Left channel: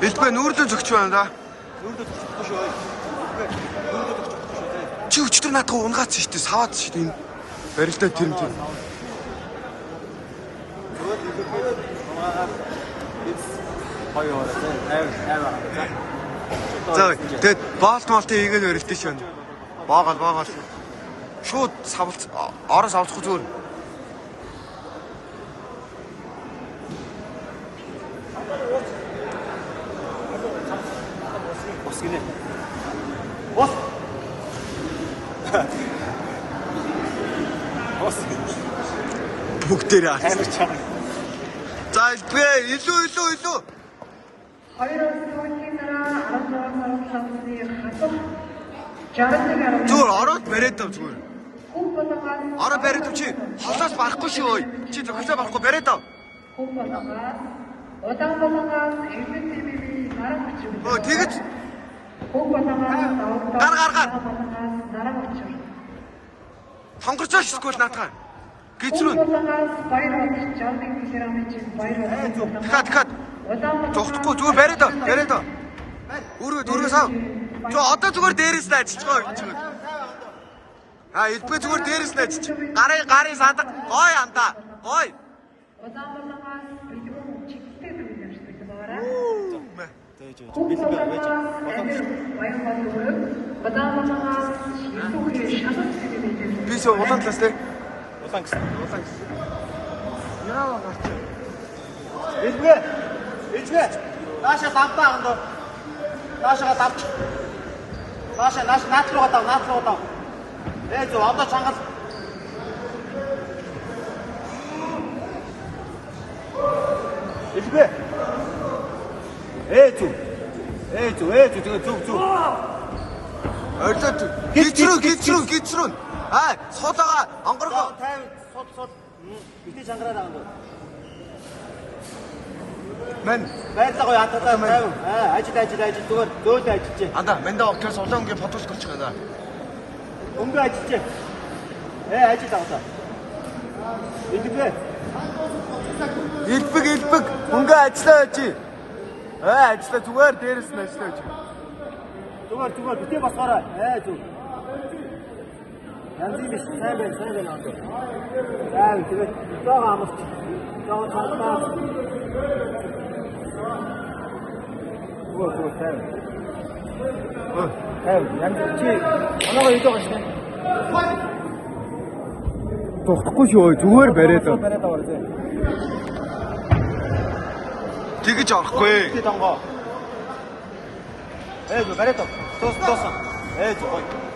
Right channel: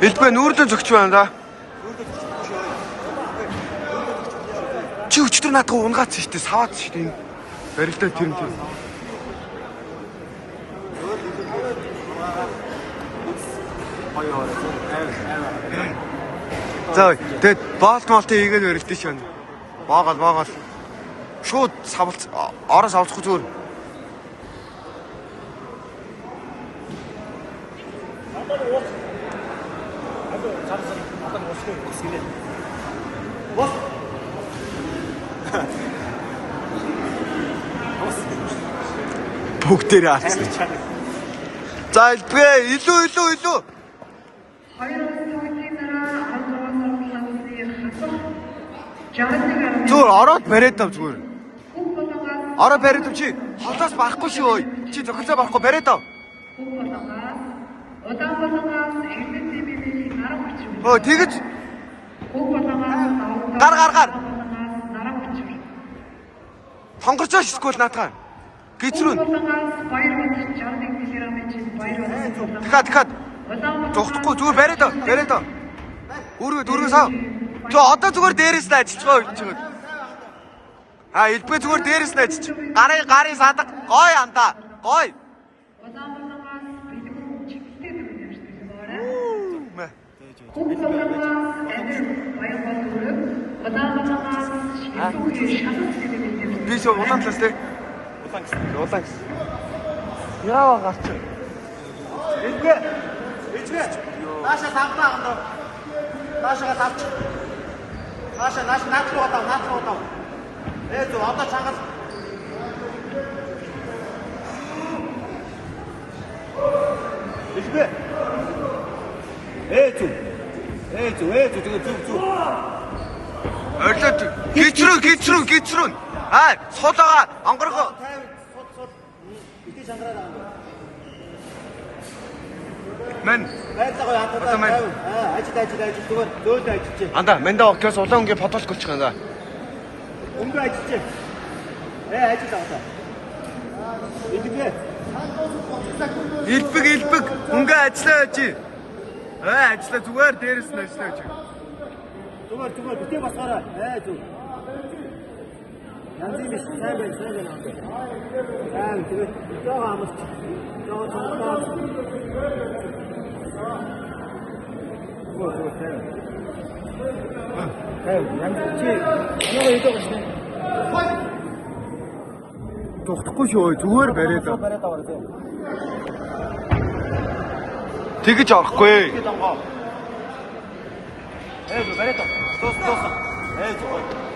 Элбэ нүүрлэн зөгч байна да. Чи өчтөр наадах унгаац шүү дээ. Саваац шүү дээ. Барилдаа тэр юм тийм. За тэгэд боолт молтыг хийгээд барилдаа шүү байна. Боогол. Шууд савлц ороос авахгүй зүгээр. Бүгдээрээ алцсан. За элбэ илүү. Зүгээр ороод бариад тав зүгээр. Ороо бариад тав чи холоос барахгүй шүү ой. Чи зөвхөлөө барахгүй бариад тав. Оо тэгэж гар. Сонголцоо шискүүл наатаа. Гизрүүн. Дахиад. Зогтохгүй зүгээр бариад тав. Өргөөс ав. Чо одоо зүгээр дээрээс нь ажиллаж байгаа юм. Элбэ зүгээр дээрээс нь ажиллаж. Гарын садаг гой андаа. Гой. Би ч улаан цас тий. Улаан. Яа гарч. Элбэ. Баша тавтаа ондоо. Башаага тавч. Баша наатруу таа. Зөө одоо чангал. Элбэ. Зөө. Орлоо. Гизрүүн. Суулгаа онгорго. Сууд. Битээ сангараад байгаа юм. Мен байлгаа ятаа. Ажил зүгээр дөөлөө ажиллаж. Анда мэнда октоос улаан өнгийн фотолк болчих юм да. Өнгө ажиллаж. Ажил аваа. Элбэг өнгө ажиллаа чи. Ажиллаа зүгээр дээрээс нь ажиллаа чи. Зүгээр битээ басгаараа. Зүг. Янзын биш сайн байна. Тэгээд жоо амс. Жоо цаатаа. Зүгээр сайн. Янз чи оноогоо идэх гэж байна. Тусахгүй шүү зүгээр бариад. Тэгэж орохгүй. Бариад. Тус.